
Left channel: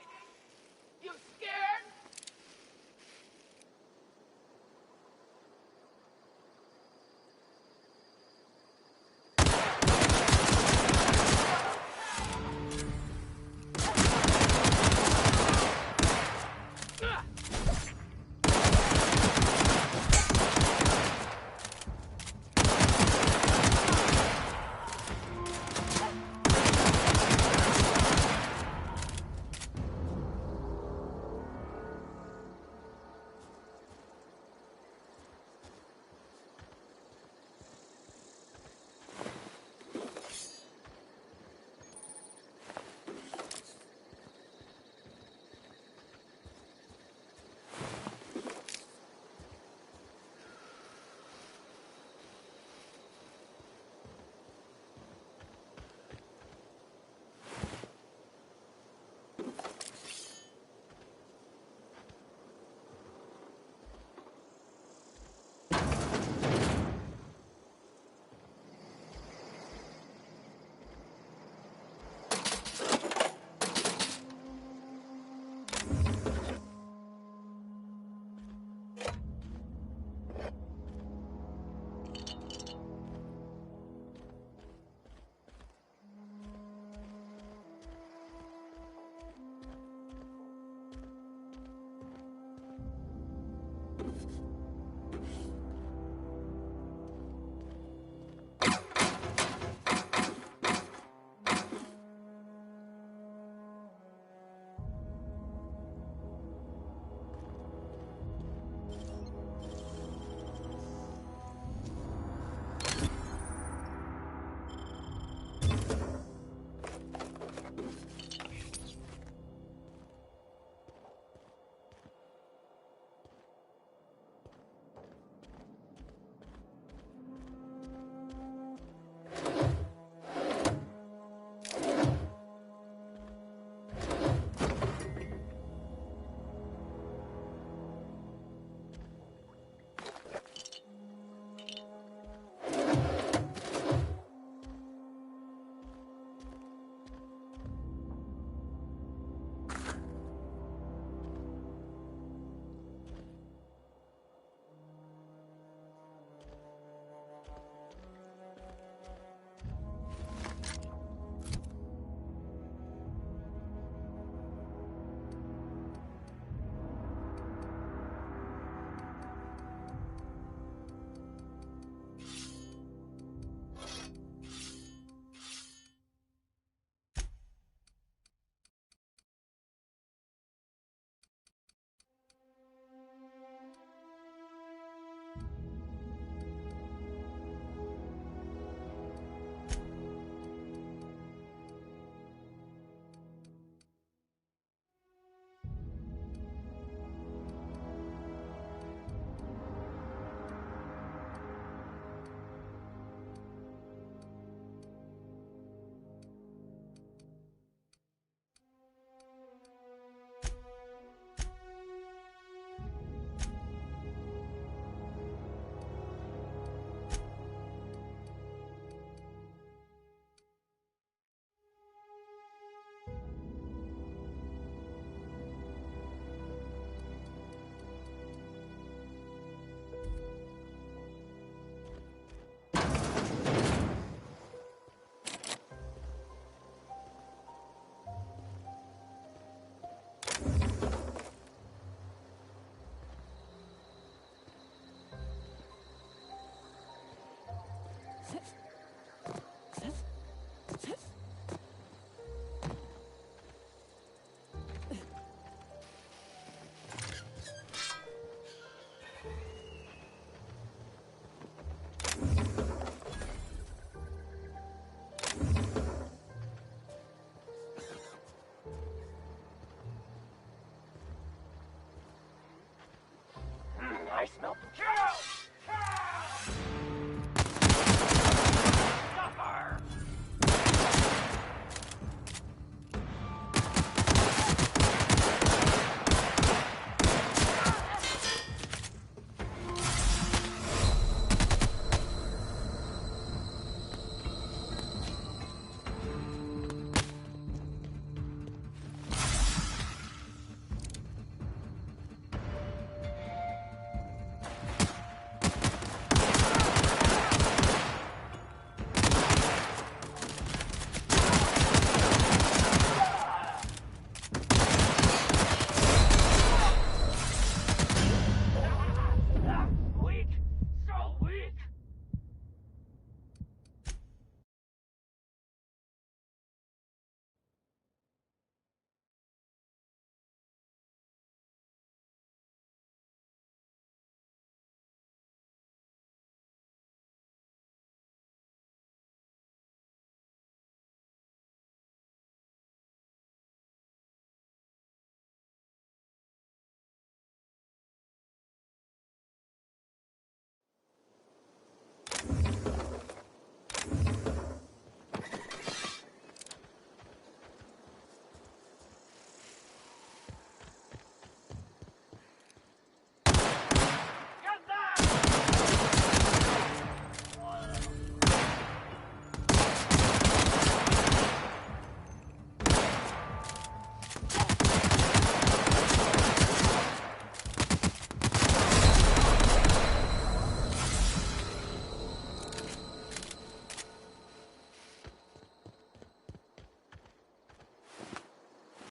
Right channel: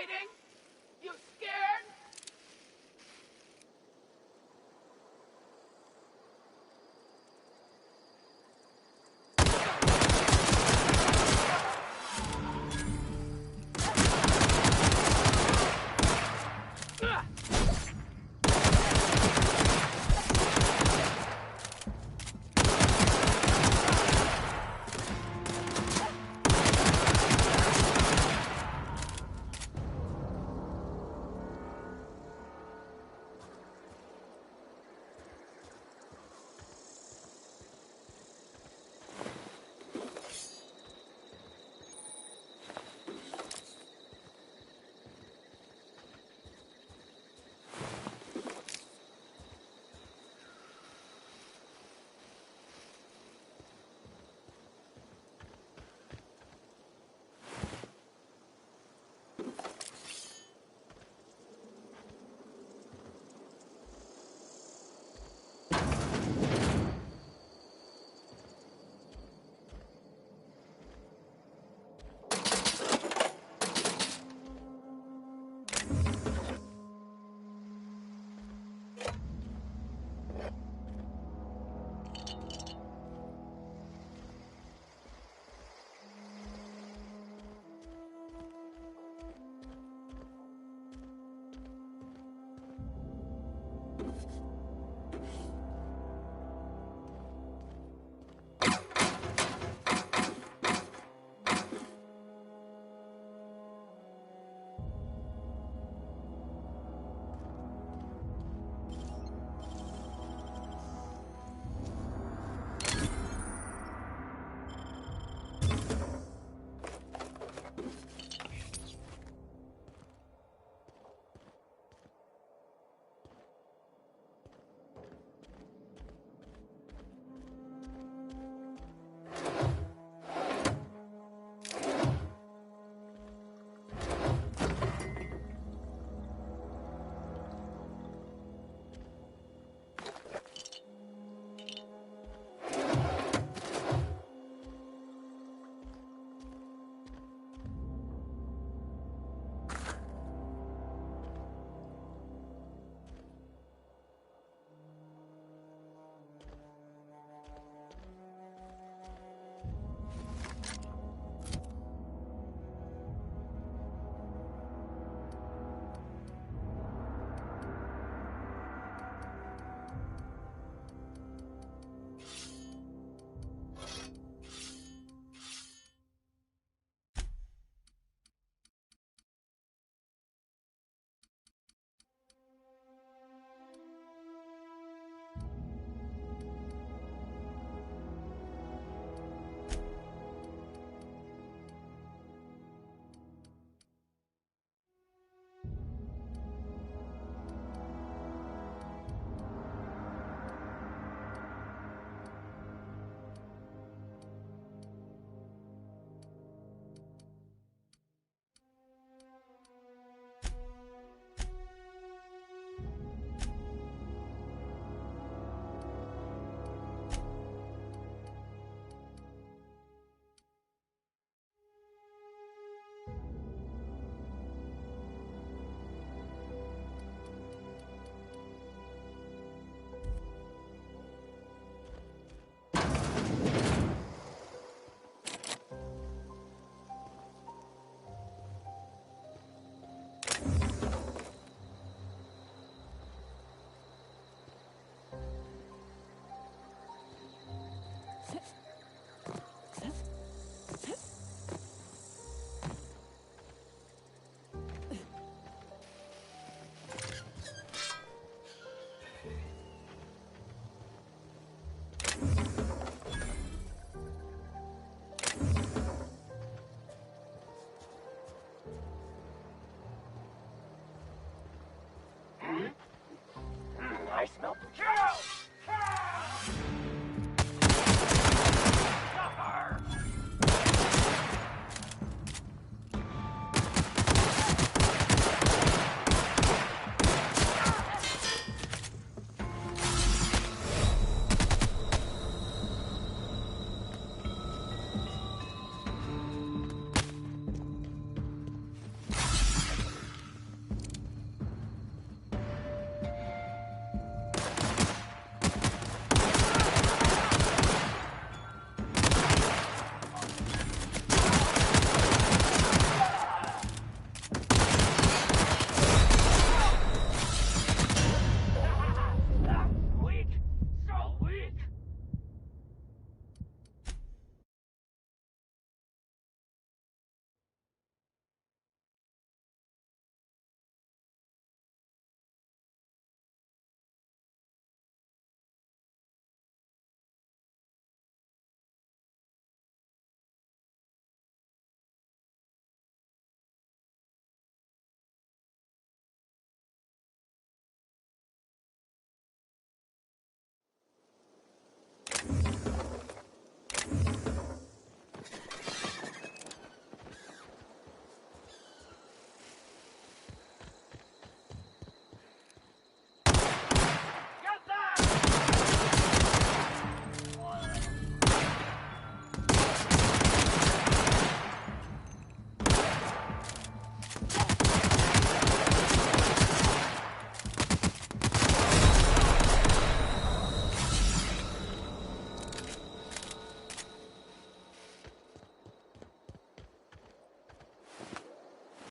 hiding? You scared?